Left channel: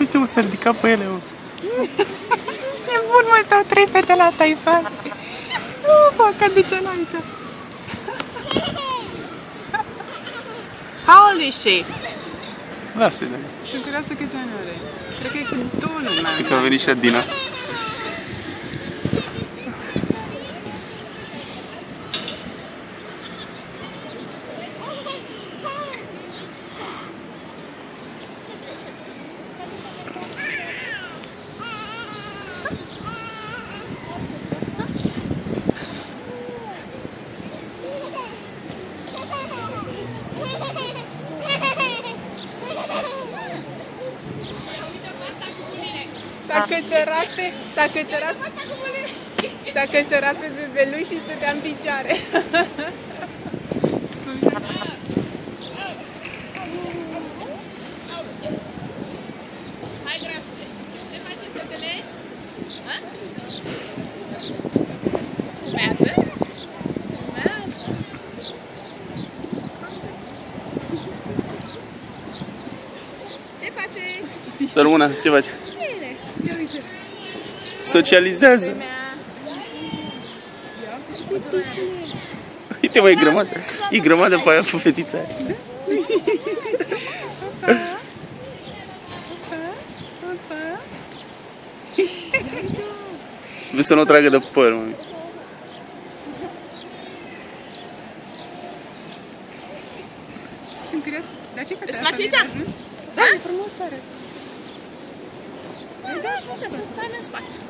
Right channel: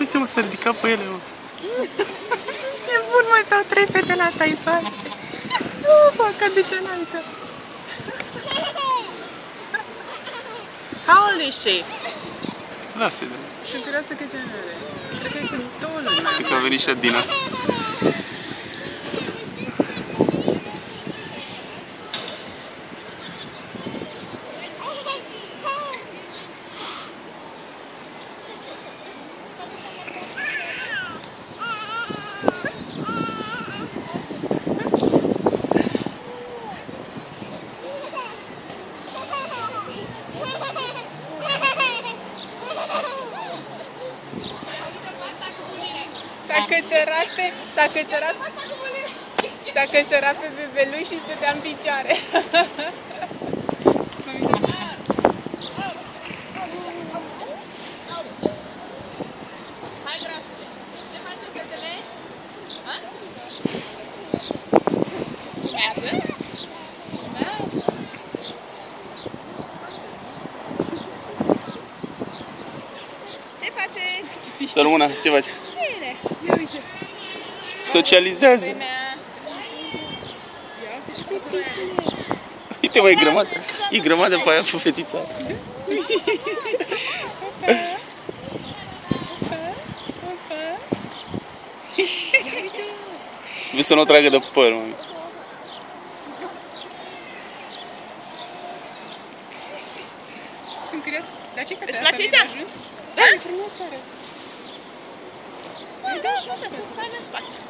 Uite, mă, s-a ridicat pe ele, mă. Nebun, mă, stau 3 fete la taifas. Nu, fac de cealaltă. How old is she? Lasă-le. Sunt curioasă câți ani are. Cred că e 2 luni mai Cred că a venit și Adina. S-a cățărat pe bebeluș și stătea în picioare. Ce face fetele? Ce faceți? Să rămână, ce faci? Socializează. Uite, mă, e grămadă. E grămadă pe aia, pe fetița. Vreau să nu o tragă de păr, mă. Sunt curios. Dar ce Îți place aici? Da, e frumos, pare. Da, să se facă în spațiu.